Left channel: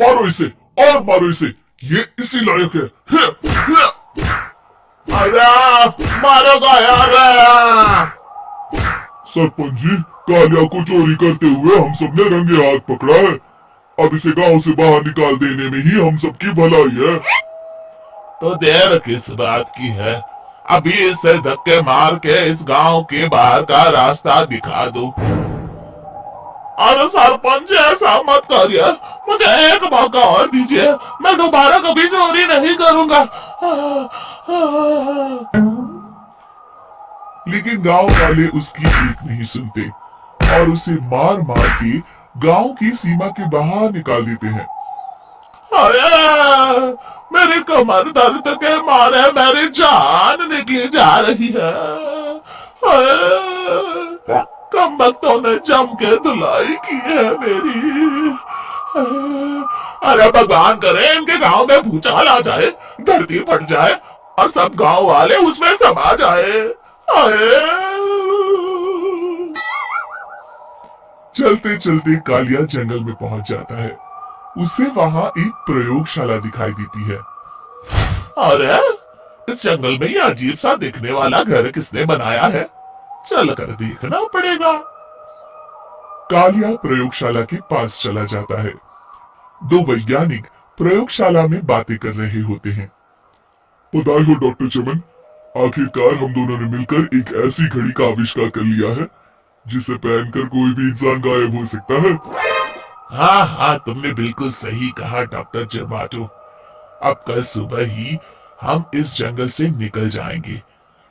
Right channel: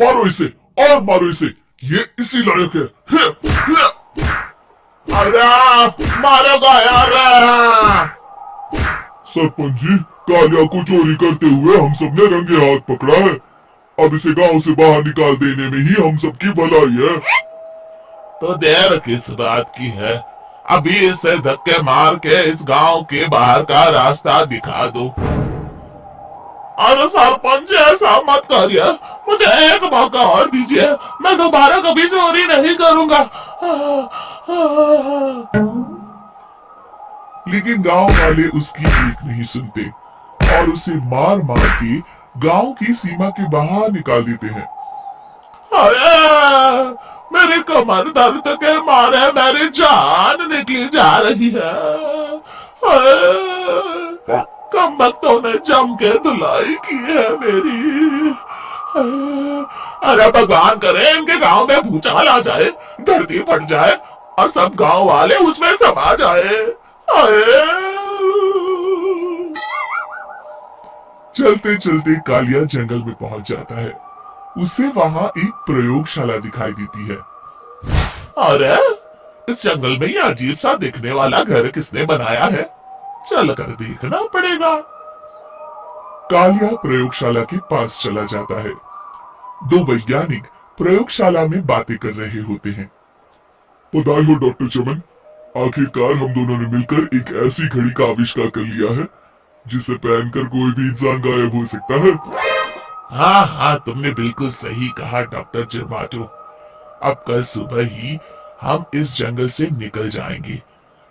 मारो इसे और मारो इसे, ये इसी लायक है। अरे मारोगा यार। सरपंच जी, कालिया को चोरी करते हुए हम सब ने रंगे हाथ पकड़ा है। अब इसे गांव से बाहर निकाल देने में ही हम सबकी भलाई है। तो देर किस बात की है, अभी इसे धक्के मार के इस गांव के बाहर का रास्ता दिखा दो। अरे सरपंच ऐसा मत करिए, मुझे एक मौका और दीजिए, मैं दोबारा कभी चोरी नहीं करूंगा। लेकिन गांव वाले उसकी एक नहीं सुनते और उसे मार मार के गांव की सीमा के बाहर निकाल देते हैं। हाय, मेरी कमर दर्द के मारे मेरी जान निकली जा रही है। हाय, कमबख्तों ने जम के धुलाई की है मेरी। अरे भगवान करे इनके गांव में भूचाल आ जाए, धरती फट जाए और सब गांव वाले उसमें समा जाए। चलते चलते कालिया जंगल में पहुंच जाता है। उसे वहां एक प्रयोगशाला दिखाई देती है। अरे इस जंगल में ये अजीब सा दिखने वाला घर किसने बनाया है, चल कर देखना पड़ेगा। कालिया प्रयोगशाला के पास चला जाता है। दो वैज्ञानिक प्रयोगशाला में बातें कर रहे होते हैं। बधाई हो डॉक्टर चमन, आखिरकार हम दोनों ने मिलकर एक ऐसी घड़ी का आविष्कार कर लिया है जिसे पहनकर कोई भी इंसान गायब हो सकता है। हाँ हाँ, तुमने बिल्कुल सही कहा डॉक्टर जमाटो। अब कल सुबह ही हम इस जंगल से निकल जाएंगे,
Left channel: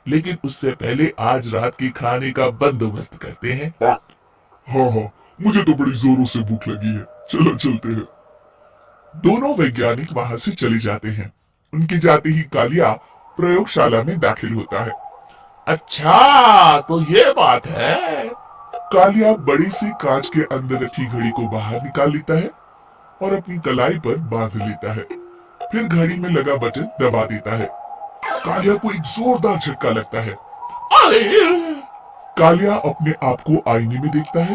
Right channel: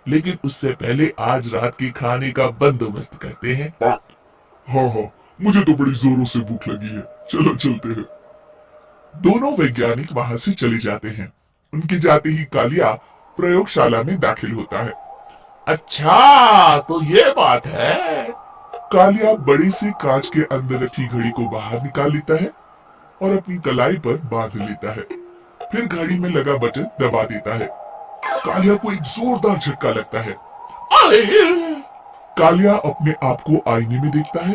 लेकिन उससे पहले आज रात के खाने का बंदोबस्त करते हैं। हाँ हाँ, मुझे तो बड़ी जोरों से भूख लगी है, चलो चलते हैं। दोनों वैज्ञानिक वहां से चले जाते हैं। उनके जाते ही कालिया प्रयोगशाला में दाखिल होता है। अच्छा तो ये बात है। कालिया बड़े से कांच के अंदर रखी घड़ी को बाहर निकाल लेता है और अपनी कलाई पर बांध लेता है। फिर घड़ी में लगा बटन दबा देता है। कालिया को एक जोरदार झटका लगता है। कालिया अपने आप को आईने में देखता है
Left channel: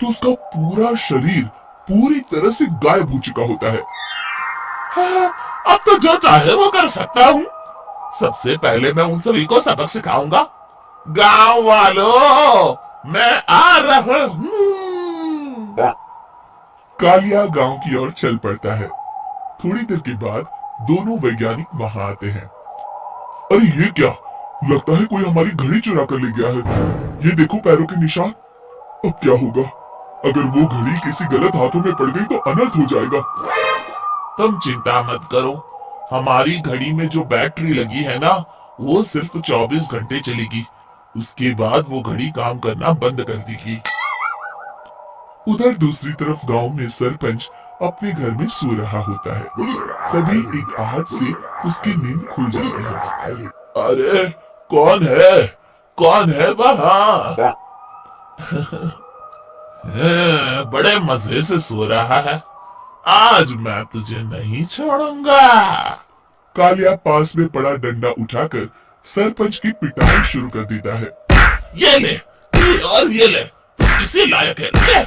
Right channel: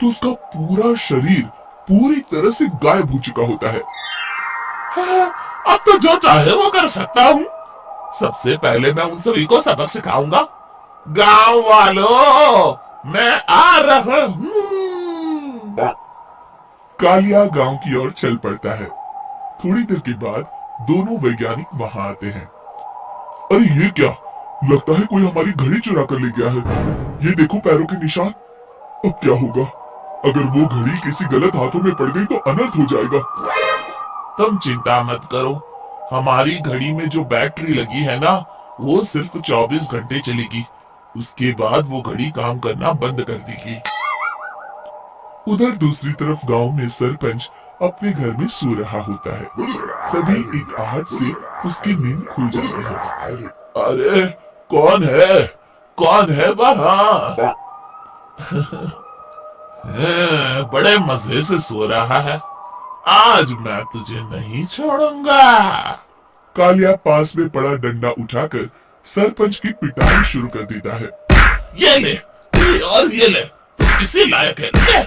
तो उसका पूरा शरीर पूरी तरह से गायब हो चुका होता है। हाँ, अब तो जो चाहे वो कर सकता हूँ। सबसे पहले मैं उन सभी को सबक सिखाऊंगा। गांव वालों, मैं आ रहा हूँ। कालिया गांव की ओर चल पड़ता है। थोड़ी देर के बाद दोनों वैज्ञानिक वहां आते हैं। अरे ये क्या, लगता है कोई हमारी घड़ी चुरा कर ले गया है। ये देखो पैरों के निशान। अब क्या होगा, अगर वो घड़ी किसी गलत हाथों में पड़ गई तो अनर्थ हो जाएगा। तुम चिंता मत करो, हमारी घड़ी में जो बैटरी लगी है ना, वो सिर्फ 24 घंटे चलेगी। उसके बाद वो घड़ी काम करना बंद कर देगी। उधर दूसरी तरफ गांव में सरपंच अपने घर में सो रहा होता है। तभी एक आहट से उसकी नींद खुल जाती है। अरे कौन है, कौन है वहां? बड़े मजे से सो रहा है, आज मैं तुझे नहीं छोड़ूंगा। कालिया पास में पड़ा डंडा उठाकर सरपंच की पिटाई शुरू कर देता है। ये ले, ये और ये ले, इसी लायक है, ले।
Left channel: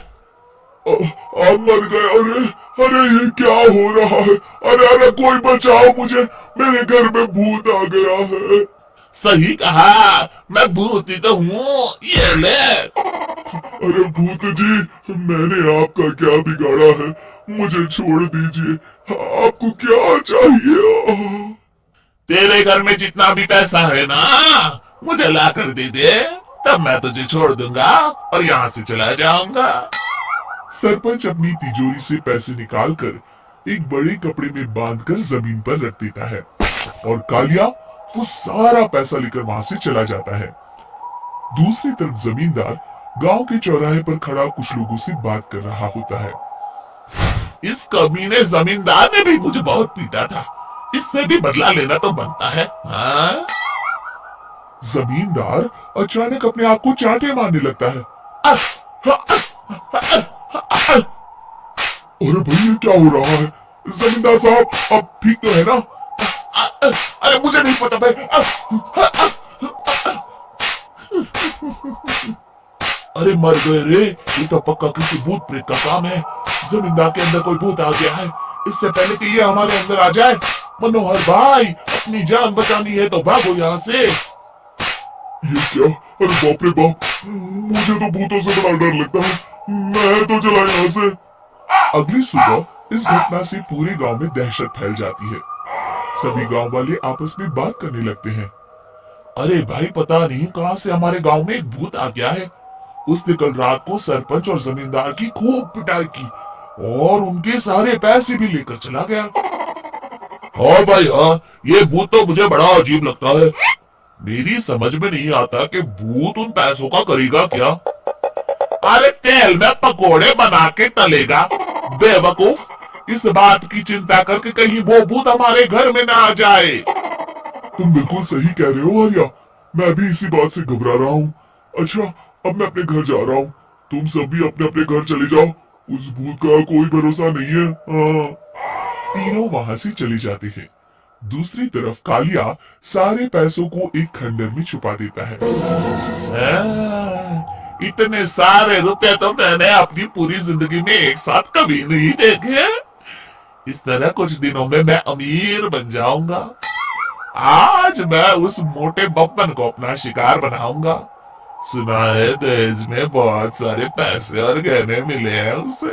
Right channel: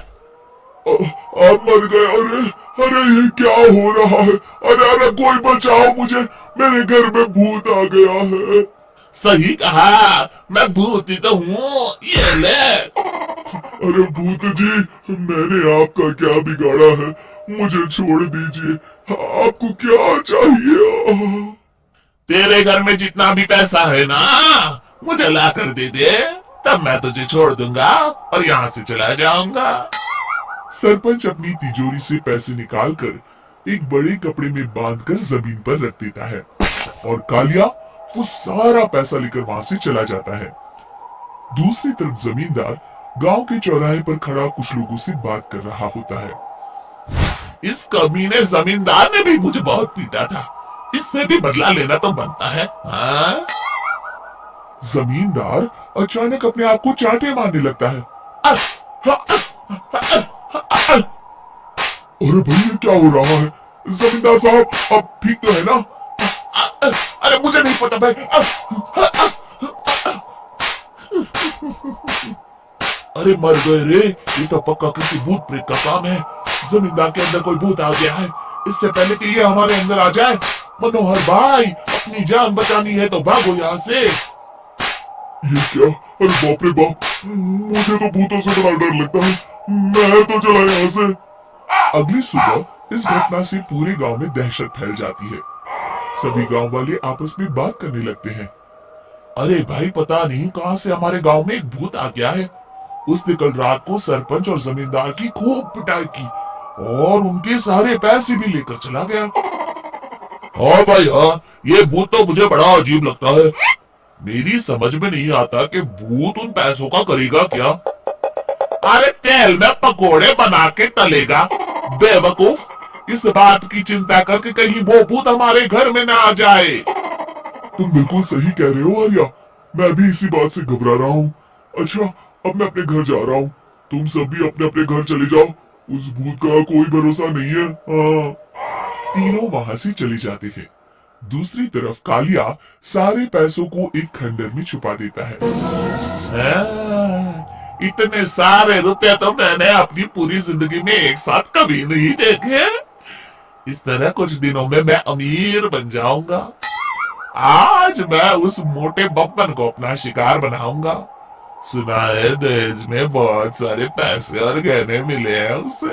आप मर गए। अरे अरे ये क्या हो रहा है। अरे अरे कोई बचाओ मुझे, मेरे घर में भूत आ गया है। सही कहा, मैं भूत ही तो हूँ, ये ले। अरे भूत जी, मैंने आपका क्या बिगाड़ा है, मुझे छोड़ दीजिए। आपको क्या चाहिए? तेरे घर में जितना भी पैसा है ना, मुझे ला कर दे दे, तब मैं तुझे छोड़ दूंगा और यहाँ से चला जाऊंगा। सरपंच अपनी तिजोरी से पैसे निकालकर एक बड़े कपड़े में बांधकर जमीन पर रख देता है और कालिया वो सारा पैसा लेकर वहां से चला जाता है। दूसरी तरफ जमींदार गांव के चौराहे पर खड़ा कुछ लोगों से बात कर रहा होता है। इस कमीने जमींदार ने भी मुझे बहुत पीटा था, इससे भी बदला लेना तो बनता है। हाँ? जमींदार अचानक अपने आप को चांटे मारने लगता है। अरे भाई ये क्या हो रहा है? जमींदार साहब अब ठीक तो है ना? अरे मुझे नहीं पता भाई। अरे मर गए रे, ये तो पक्का किसी भूत प्रेत का काम है। जमींदार के अंदर कोई भूत आ गया है, इससे पहले कि ये हमारे अंदर आ जाए। मनोहर भाई, अपनी जान बचानी है तो भागो यहाँ से। ये क्या? अरे बाप रे बाप, मुझे तो भूतों से बड़ा डर लगता है। मैं तो चला यहाँ से। अगली सुबह इस घटना से पूरे गांव में दहशत फैल जाती है। सभी गांव वाले आपस में बात करने लगते हैं। अरे भाई, पता नहीं कहां से हमारे गांव में एक भूत आ गया है। उसने कल रात को सरपंच और जमींदार की खूब पिटाई की और उनके सारे पैसे भी लेकर चला गया। हाँ भाई हाँ, ये भूत तो मुझे बड़ा अजीब लगता है। मेरी समझ में नहीं आता कि भूत उन पैसों का करेगा क्या। अरे तेल में पकोड़े बना के तलेगा बेवकूफ। इस बात की चिंता करके कहीं वो भूत हमारे घर में ना आ जाए। तुम बिल्कुल सही कह रहे हो आर्या, मैं भी इसी बात से घबरा रहा हूँ। अच्छा, अब मैं अपने घर जा रहा हूँ। तुम सब भी अपने अपने घर चले जाओ, उस भूत का कोई भरोसा नहीं है। हाँ। तीनों वहां से चले जाते हैं। दूसरी तरफ कालिया सारे पैसों को एक खंडर में छुपा देता है। इतने सारे रुपए तो मैंने अपनी पूरी जिंदगी में एक साथ कभी नहीं देखे। इस तरह कुछ दिनों में मैं अमीर बन जाऊंगा। आज मैं उस मोटे बब्बन को अपना शिकार बनाऊंगा। सुना है दहेज में बहुत सारे पैसे और गहने मिले हैं उसे।